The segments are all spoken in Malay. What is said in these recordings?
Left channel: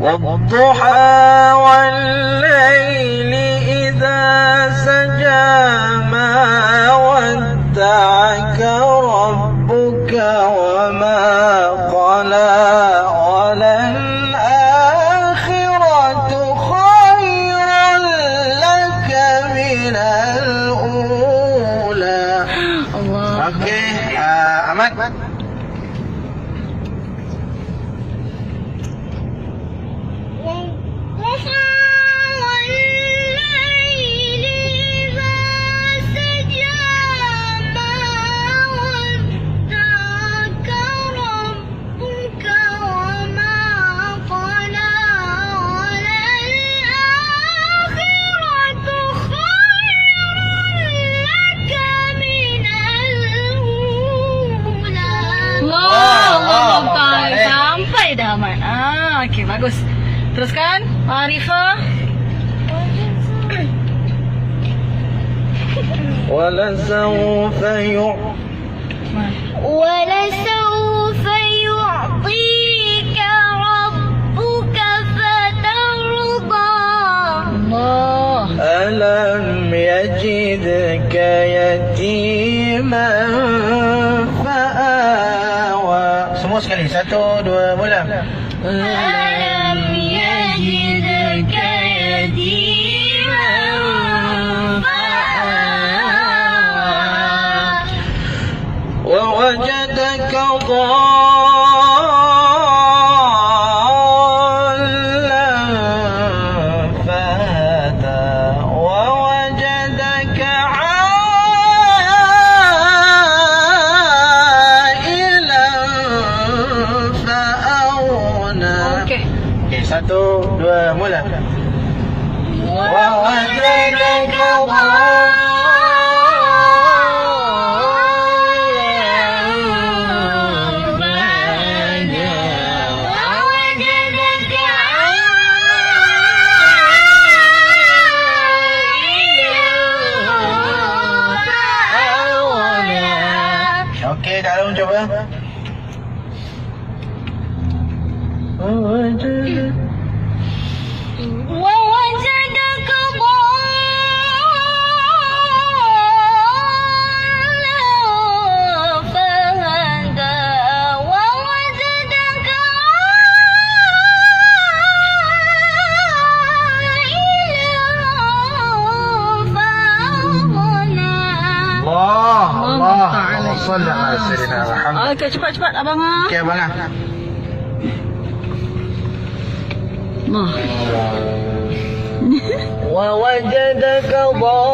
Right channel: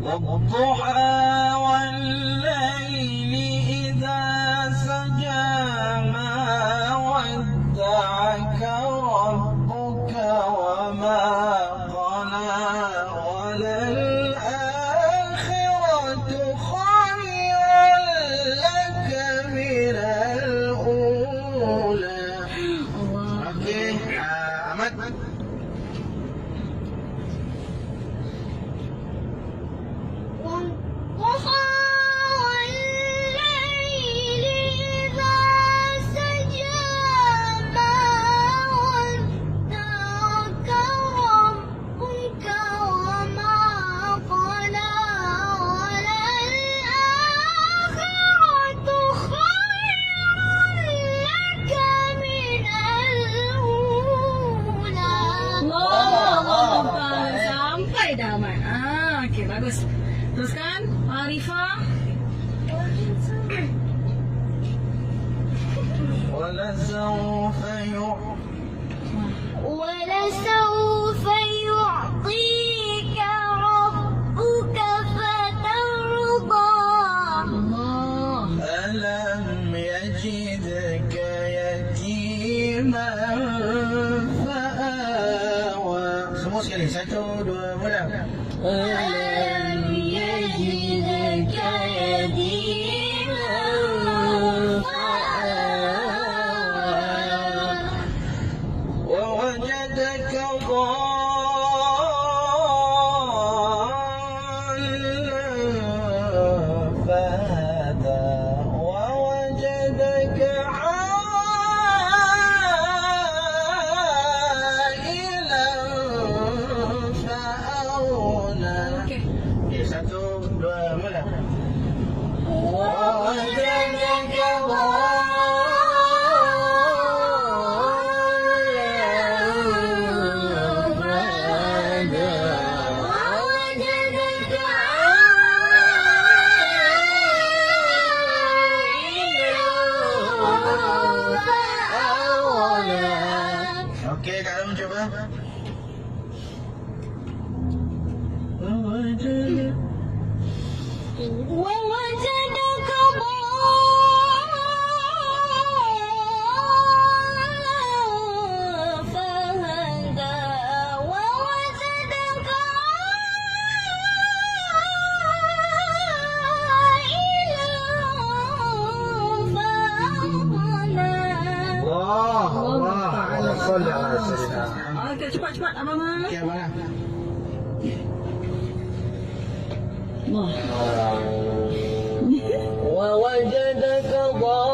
والضحى والليل إذا سجى ما ودعك ربك وما قلى وللآخرة خير لك من الأولى. Allah. Okey, Ahmad. Sampai dah Ahmad. Okey, bagus. Teruskan, Arifah. ولسوف يعطيك ربك فترضى. Allah. ألم يجدك يتيما فآوى. Semua sekali. 1, 2, mula. ألم يجدك يتيما فآوى ووجدك ضالا فهدى ووجدك عائلا فأغنى. Okey. Okey, 1, 2, mula. ووجدك Okey, Kak Long cuba. ووجدك ضالا فهدى ووجدك عائلا فأغنى. Allah, Allah Ta'ala. Salli ala Sayyidina Muhammad. Okey, cepat-cepat abang. Okey, abang ah. Allah. ووجدك ضالا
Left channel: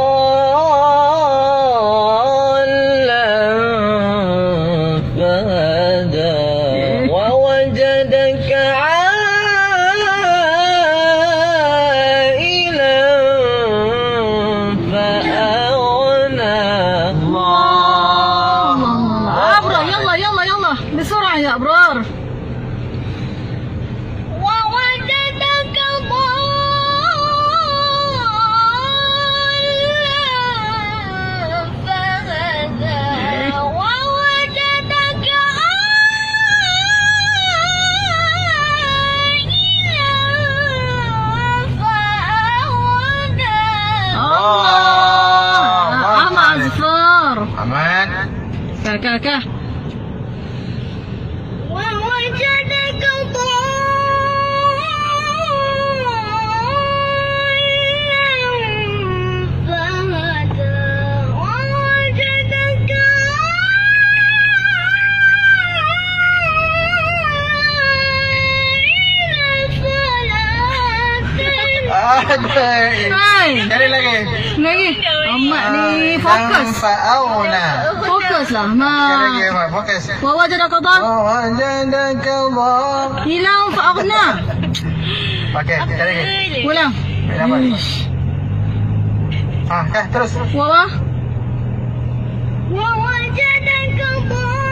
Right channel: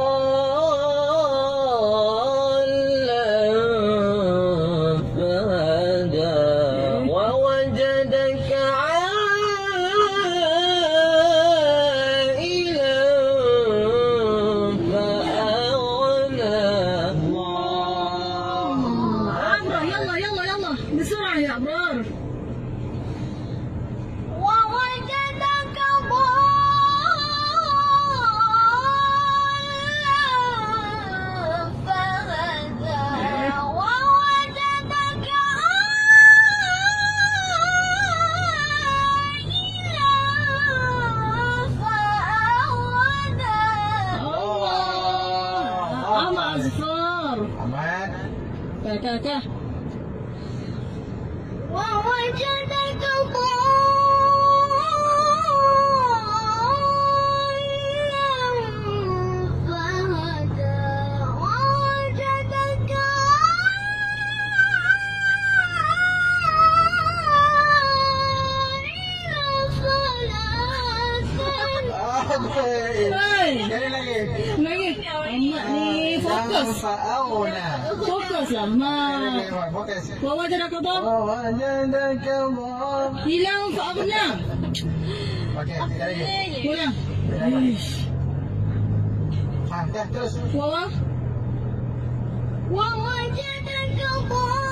فهدى ووجدك عائلا فأغنى. الله أبرار يلا يلا يلا بسرعة يا أبرار. ووجدك ضالا فهدى ووجدك عائلا فأغنى. أحمد أزفار. Ahmad. كاكا. ووجدك ضالا فهدى ووجدك Cari lagi. Lagi. Ahmad ni fokus. Fa'auna. Fokus lah. Cari lagi, Ma. Ahmad. Fokus. Wawajada qadar. ووجدك ضالا. Hilang fa'aghna. Okey, cari lagi. Ulang. Apa? Terus. Wawa. ووجدك ضالا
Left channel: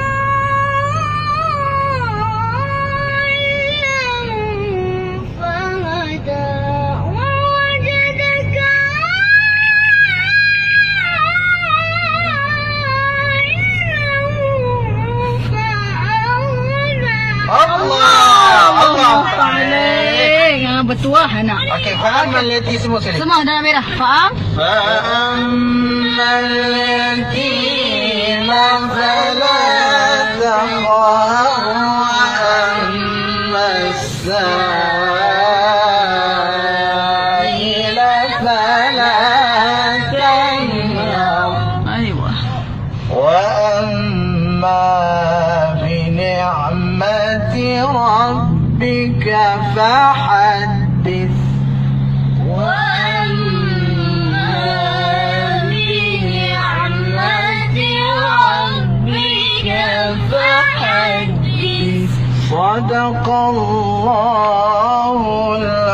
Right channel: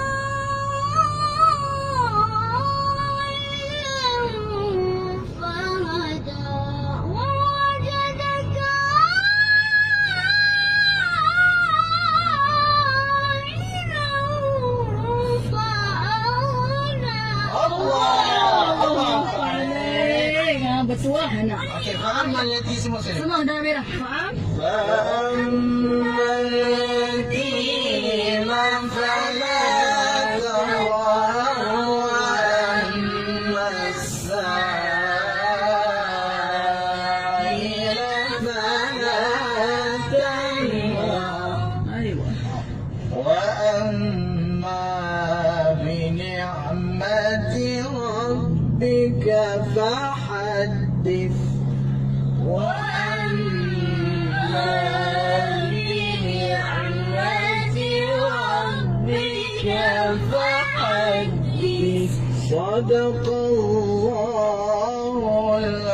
فهدى ووجدك عائلا فأغنى. Allah. Allah. betul lah anak. Okey, faham malati semua sekali. Semua dah merah. Faham? فأما اليتيم فلا تقهر وأما السائل فلا تنهر Aywa. وأما بنعمة ربك فحدث وأما بنعمة ربك فحدث صدق الله العظيم